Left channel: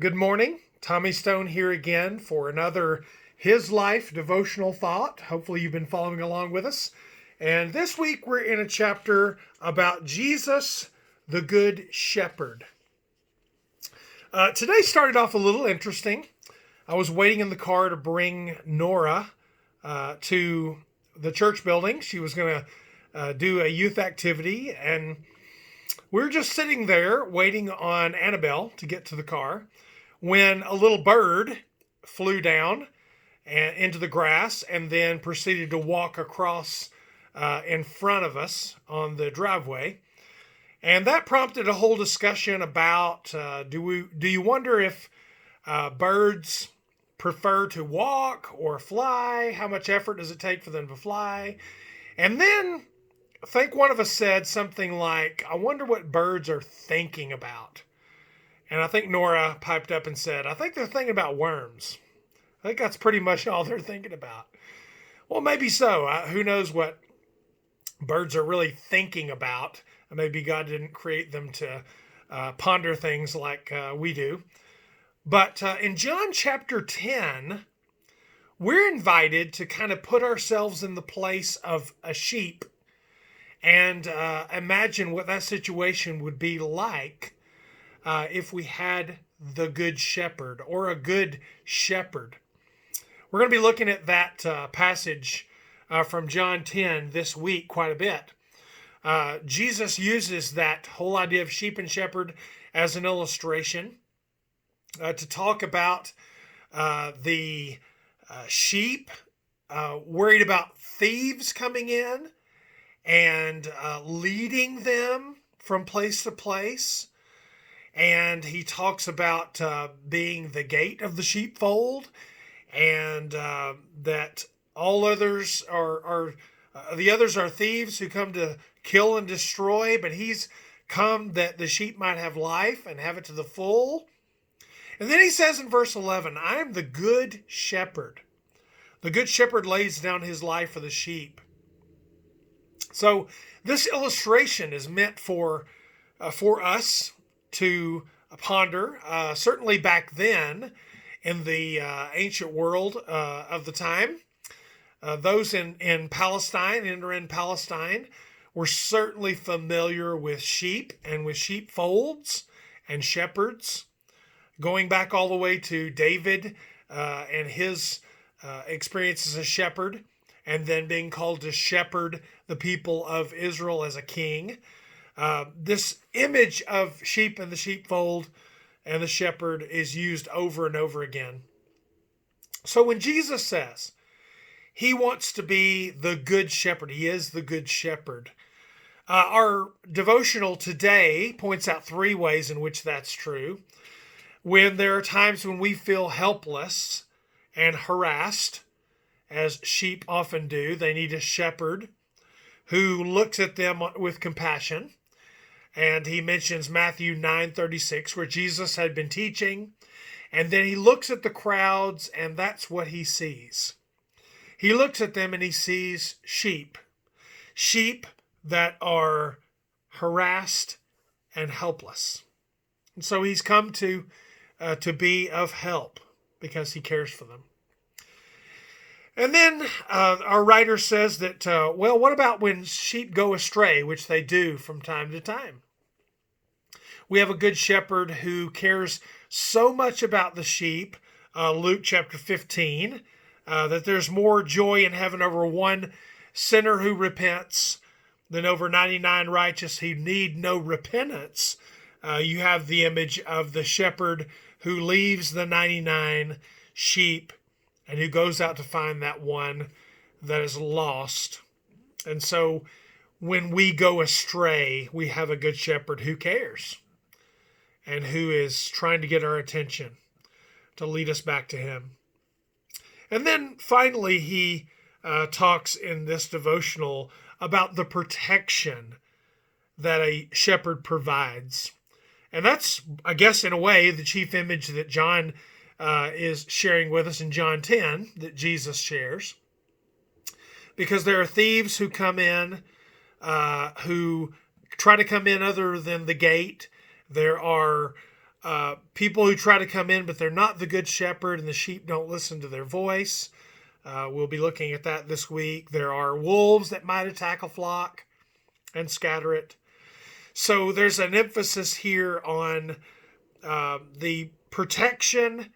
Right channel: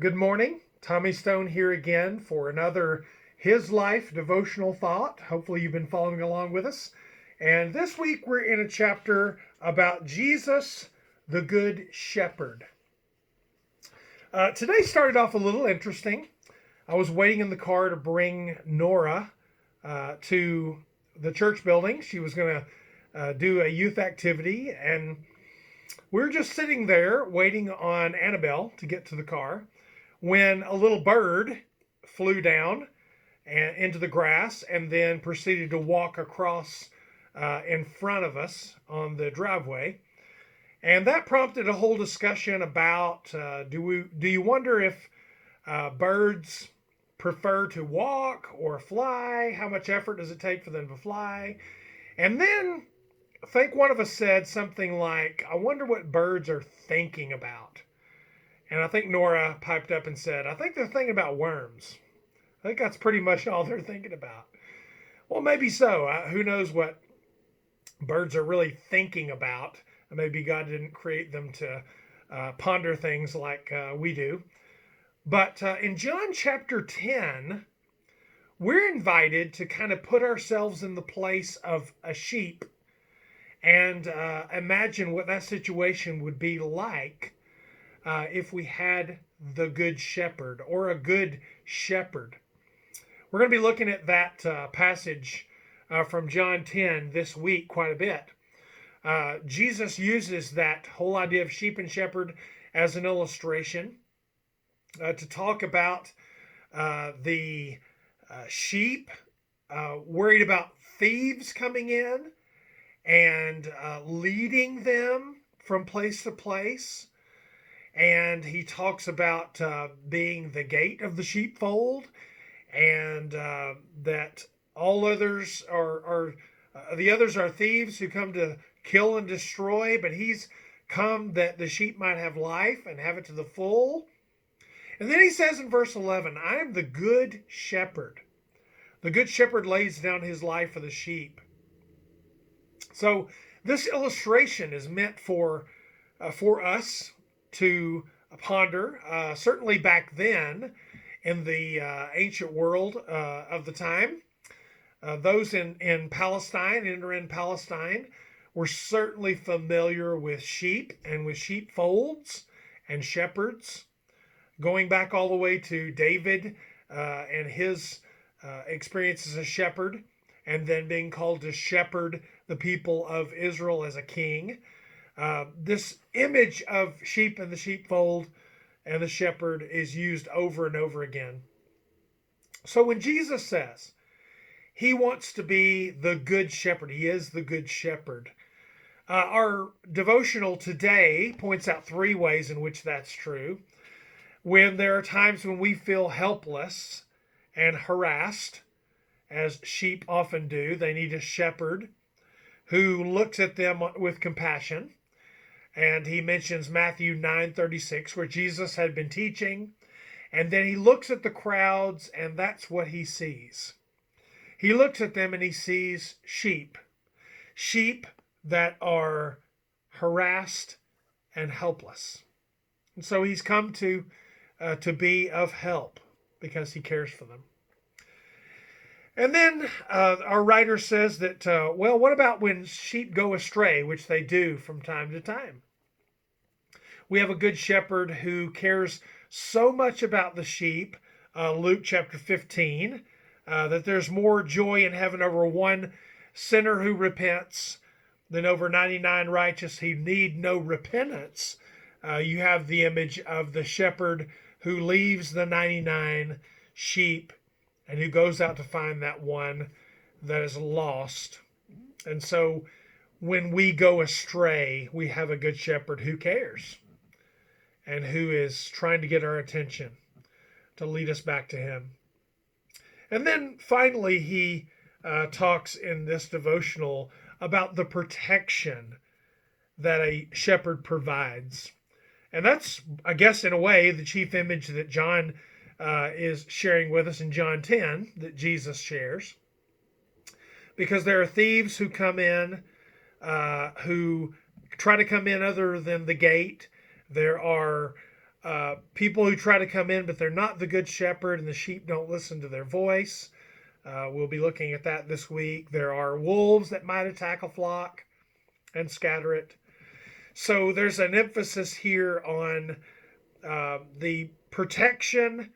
Good morning. Tommy Stone here again for another His Life devotional thought. Hopefully, you've been following along with us. And this week, we're in a chapter about Jesus, the Good Shepherd. Today started off a little interesting. I was waiting in the car to bring Nora to the church building. She was going to do a youth activity, and we were just sitting there waiting on Annabelle to get to the car when a little bird flew down and into the grass and then proceeded to walk across in front of us on the driveway. And that prompted a whole discussion about do you wonder if birds prefer to walk or fly? How much effort does it take for them to fly? And then I think one of us said something like, I wonder what birds are thinking about. And I think Nora piped up and said, I think they're thinking about worms. I think that's pretty much all they're thinking about. Well, maybe so. Who knows what birds are really thinking about? Maybe God didn't create them to ponder things like we do. But in John chapter 10, we're invited to kind of put ourselves in the place of a sheep and imagine what that situation would be like if we had the good shepherd or a good shepherd. We're going to be looking at that passage from John 10 this week quite a bit. Jesus uses that whole idea of sheep and shepherd as an illustration to talk about the sheep worried about thieves coming in and leading them from place to place. And he talks about being the gate of the sheepfold, and that all others are the others are thieves who come to kill and destroy, but he's come that the sheep might have life and have it to the full. And then he says in verse 11, I am the good shepherd. The good shepherd lays down his life for the sheep. So this illustration is meant for us to ponder. Certainly back then in the ancient world of the time, those in Palestine and are in Palestine were certainly familiar with sheep and with sheepfolds and shepherds, going back all the way to David and his experience as a shepherd, and then being called to shepherd the people of Israel as a king. This image of sheep and the sheepfold and the shepherd is used over and over again. So when Jesus says he wants to be the good shepherd, he is the good shepherd. Our devotional today points out three ways in which that's true. When there are times when we feel helpless and harassed, as sheep often do, they need a shepherd who looks at them with compassion. And he mentions Matthew 9:36, where Jesus had been teaching. And then he looks at the crowds, and that's what he sees. He looks at them and he sees sheep. Sheep that are harassed and helpless. And so he's come to be of help because he cares for them. And then our writer says that, what about when sheep go astray, which they do from time to time? We have a good shepherd who cares so much about the sheep, Luke chapter 15, that there's more joy in heaven over one sinner who repents than over 99 righteous who need no repentance. You have the image of the shepherd who leaves the 99 sheep and who goes out to find that one that is lost. And so when we go astray, we have a good shepherd who cares and who is trying to get our attention to lead us back to him. And then finally, he talks in this devotional about the protection that a shepherd provides. And that's, I guess, in a way, the chief image that John is sharing with us in John 10 that Jesus shares. Because there are thieves who come in, who try to come in other than the gate. There are people who try to come in, but they're not the good shepherd, and the sheep don't listen to their voice. We'll be looking at that this week. There are wolves that might attack a flock and scatter it. So there's an emphasis here on the protection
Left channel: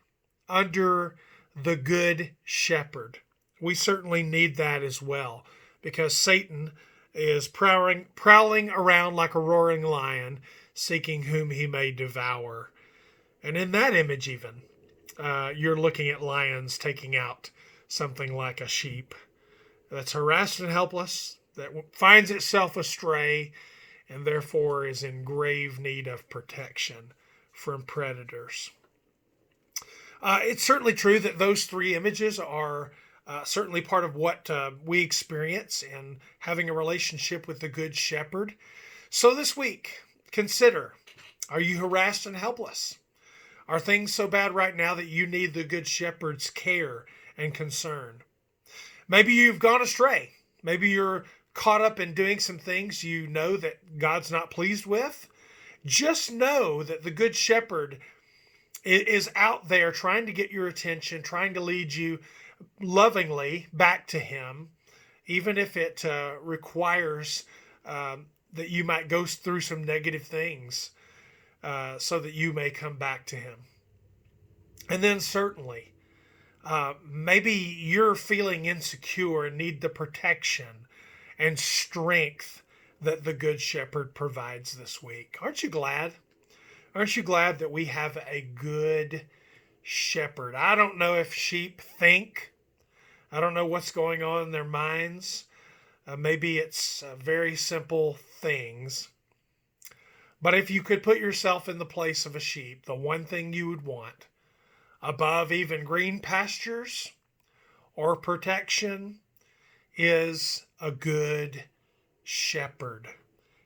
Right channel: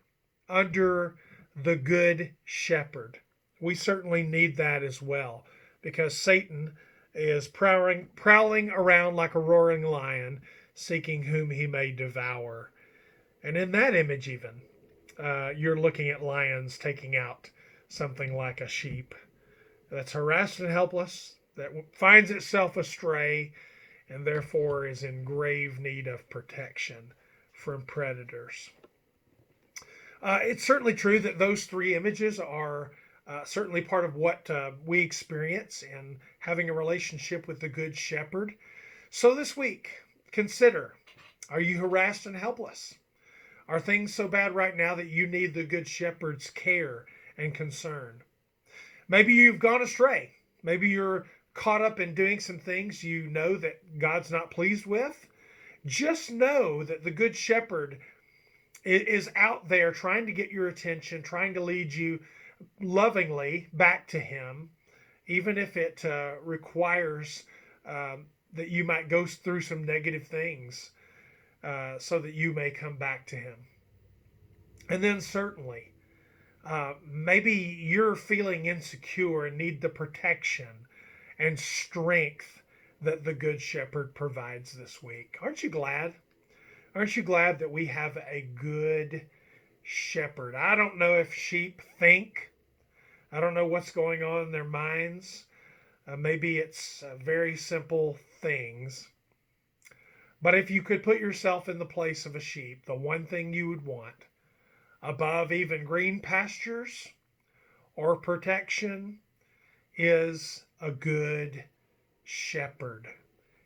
under the good shepherd. We certainly need that as well, because Satan is prowling around like a roaring lion, seeking whom he may devour. And in that image even, you're looking at lions taking out something like a sheep that's harassed and helpless, that finds itself astray, and therefore is in grave need of protection from predators. It's certainly true that those three images are certainly part of what we experience in having a relationship with the Good Shepherd. So this week, consider, are you harassed and helpless? Are things so bad right now that you need the Good Shepherd's care and concern? Maybe you've gone astray. Maybe you're caught up in doing some things you know that God's not pleased with. Just know that the Good Shepherd is out there trying to get your attention, trying to lead you lovingly back to Him, even if it requires that you might go through some negative things so that you may come back to Him. And then certainly, maybe you're feeling insecure and need the protection and strength that the Good Shepherd provides this week. Aren't you glad? Aren't you glad that we have a good shepherd? I don't know if sheep think. I don't know what's going on in their minds. Maybe it's very simple things. But if you could put yourself in the place of a sheep, the one thing you would want above even green pastures or protection is a good shepherd.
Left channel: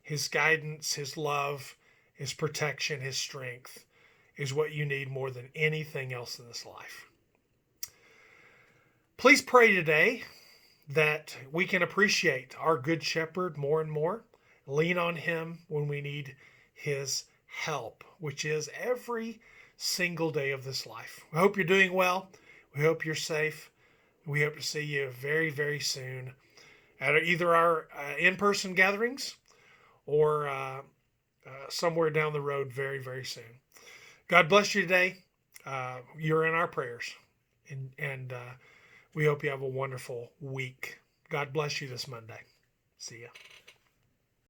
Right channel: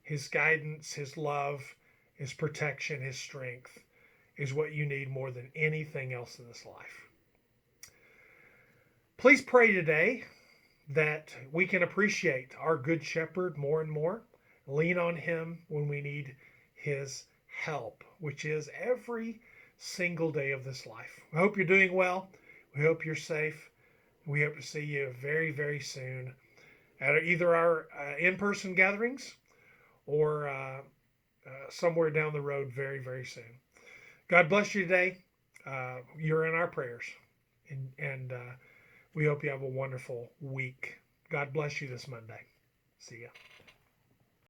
His guidance, his love, his protection, his strength is what you need more than anything else in this life. Please pray today that we can appreciate our Good Shepherd more and more, lean on Him when we need His help, which is every single day of this life. We hope you're doing well. We hope you're safe. We hope to see you very, very soon at either our in-person gatherings or somewhere down the road very, very soon. God bless you today. You're in our prayers. And we hope you have a wonderful week. God bless you this Monday. See ya.